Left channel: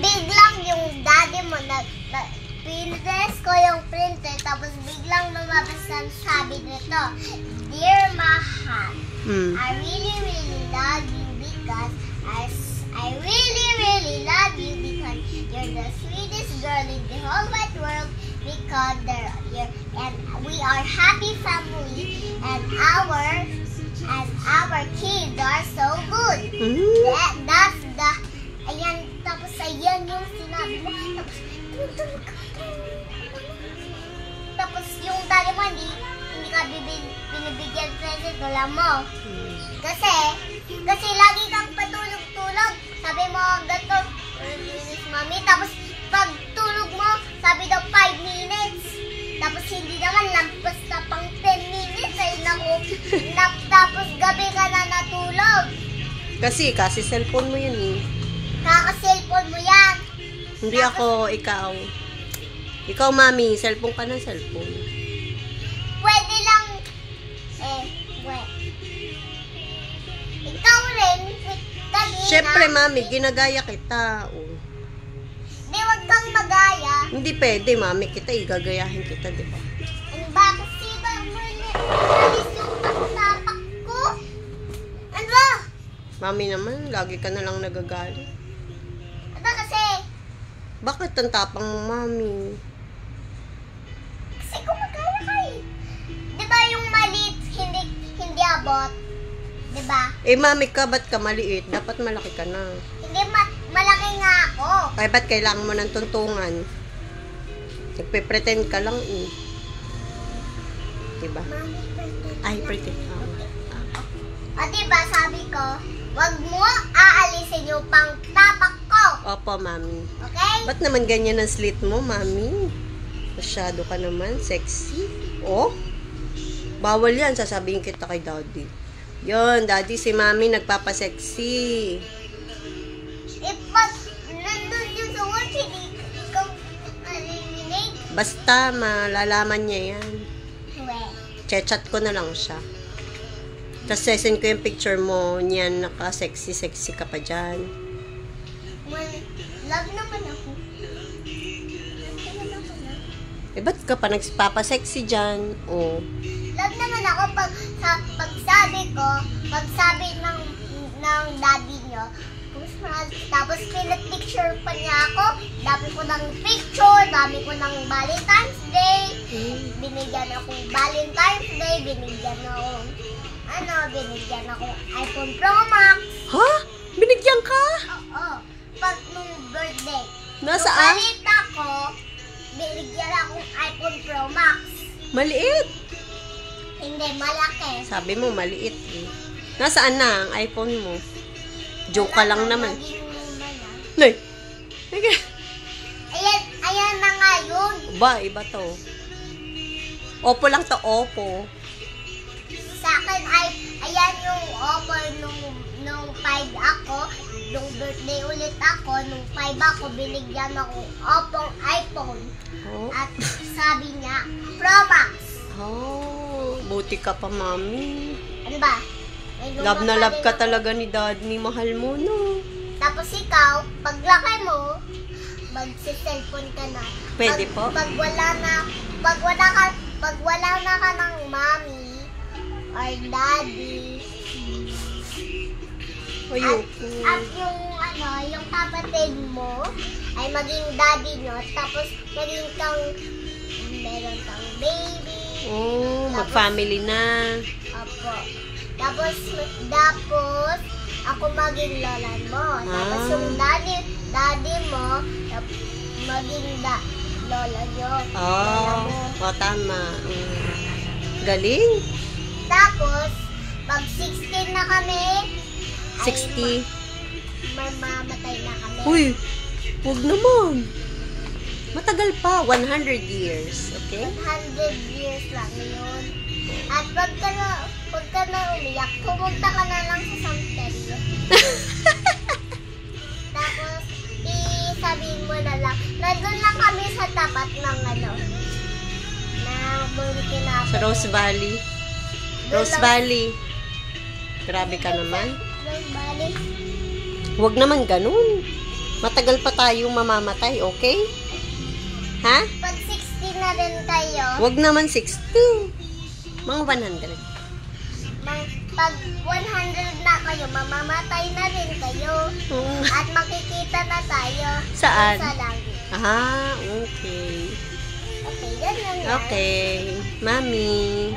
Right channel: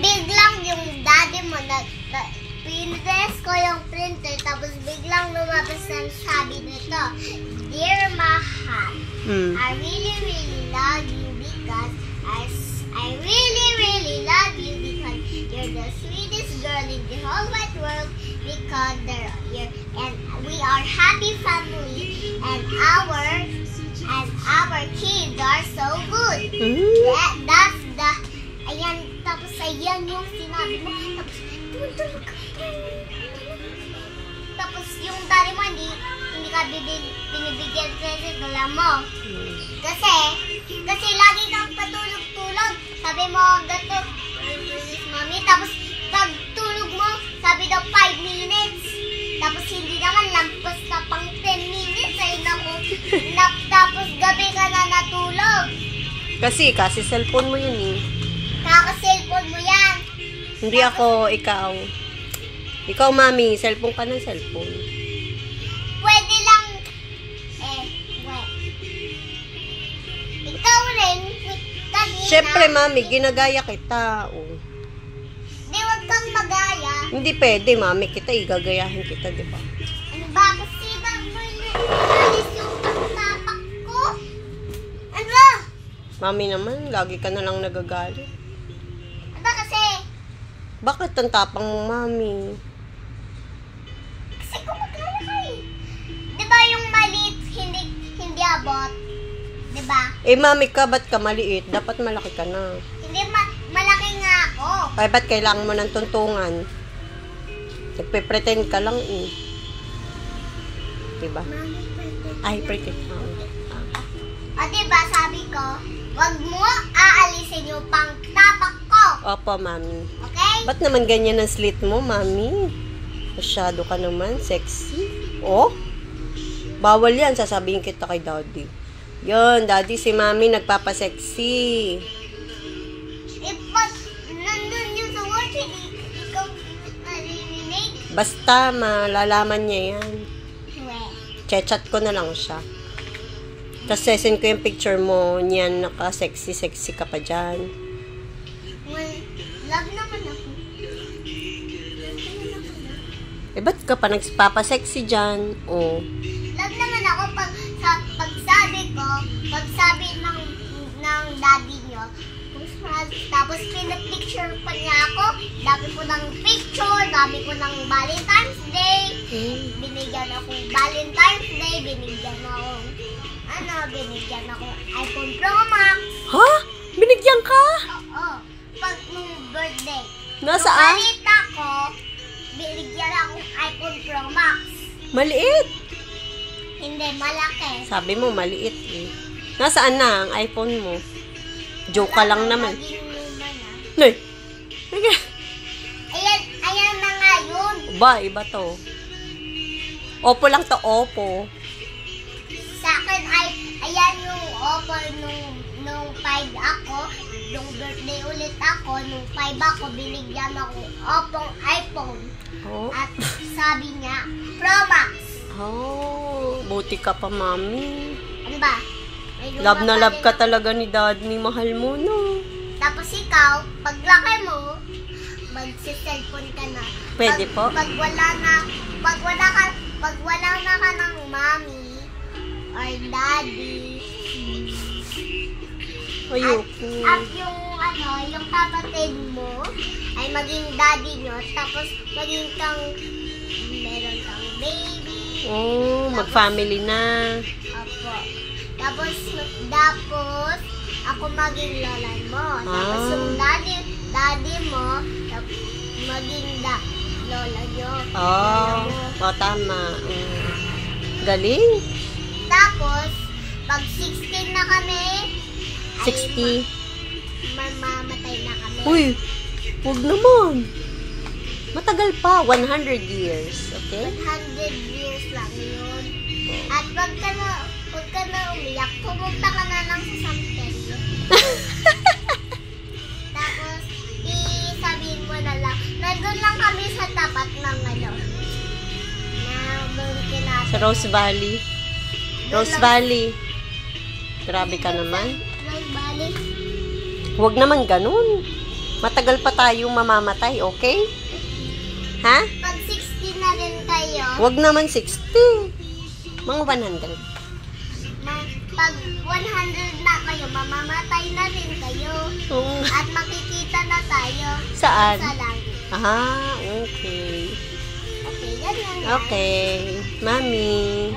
biglang yung daddy mo pinress ko yung printer, tapos biglang lumabas ang sabi nito, Dear Mahal, I really, really love you because I really, really love you because you're the sweetest girl in the whole wide world because and we are happy family and our kids are so good. That's the tapos ayan yung sinabi mo, tapos yung daddy mo hindi ka binibigyan present, alam mo. Kasi lagi kang patulog-tulog. Sabi mo, gato, mami. Tapos, pag tulog mo, sabi daw 5 minutes. Tapos, hindi naman, lampas na pang 10 minutes. Ay, naku. Tapos, gabi ka na natulog. Kasi cellphone mo yun eh. Kaka-cellphone mo yan. Hindi tapos, ako, ikaw. Ikaw, mami, cellphone ka ng cellphone. Pwede lang, ikaw rin, kanina. Siyempre, mami, ginagaya kita. Oh. Di, wag kang magaya. Hindi pwede, mami, kita, igagayahin kita, di ba? Ano ba? Kasi ba, alis yung tapak ko? Ano ba? Mami naman, lagi ka na lang nagagalit. Ano ba kasi? Bakit ang tapang mo, mami? Kasi kumagaya ka eh. Di ba yung maliit, hindi abot? Diba? Mami ka, ba't ka maliit? Dapat malaki ka na. Hindi, malaki nga ako. Ay, ba't kailangan mo ng tuntungan? Nagpe-pretend ka lang eh. Diba? Mami, pretend. Ay, pretend. O diba, sabi ko, wag mo aalisin yung pangtapak ko. Opo, mami. Okay? Ba't naman ganyan ang slit mo, mami? Masyado ka naman, sexy. Oh? Bawal yan, sasabihin kita kay daddy. Yun, daddy, si mami nagpapasexy. Pag nandun yung sa watch, ikaw marinig. Basta, malalaman niya yan. Chat ko na lang siya. Tapos sesend ko yung picture mo niyan, naka-sexy ka pa dyan. Well, love naman ako. Ba't ka pa nagpapasexy dyan? Oh. Love naman ako pag sabi ng daddy nyo, tapos pinag-picture pa niya ako, dami ko ng picture, dami ko ng Valentine's Day, binigyan akong Valentine's Day, binigyan akong iPhone Pro Max. Ha? Binigyan ka? Oo, pag nung birthday. Nasaan? Nung balita ko, binigyan akong iPhone Pro Max. Maliit. Hindi, malaki. Sabi mo, maliit eh. Nasaan na ang iPhone mo? Joke ka lang naman. Nay! Ayan na nga yun. Ba, iba to. Oppo lang to, Oppo. Sa akin ay, ayan yung Oppo nung 5 ako. Nung birthday ulit ako, nung 5 ako, binigyan ako Oppo iPhone. Oh. At sabi niya, Pro Max. Oh, buti ka pa, mami. Ano ba? Love na love ka talaga ni daddy, mahal mo, no? Tapos ikaw, paglaki mo, magsi-cellphone ka na. Pwede po? Pag wala na ka ng mommy or daddy. Ayoko. At yung kapatid mo ay maging daddy nyo, tapos meron kang baby. Oh, mag-family na. Opo. Tapos ako maging lola mo. Tapos yung daddy mo, maging lola nyo. Oh, tama. Galing. Tapos, pag 16 na kami, 60. mamamatay na kami. Uy, huwag naman. Matagal pa, 100 years, okay? 100 years lang yun. At pag ka na umiyak, pumunta ka na lang sa cemetery. Tapos, sabihin mo na lang, nandun lang kami sa tapat ng sa Rose Valley. Rose Valley. Grabe ka naman. Rose Valley. Huwag naman ganun. Matagal pa tayong mamamatay, okay? Ha? Pag 60 na rin kayo, Wag naman 60. Mga 100. pag 100 na kayo, mamamatay na rin kayo. Oo. At makikita na tayo Saan? sa langit. Ah, okay. Okay, ganyan lang. Okay. Mami.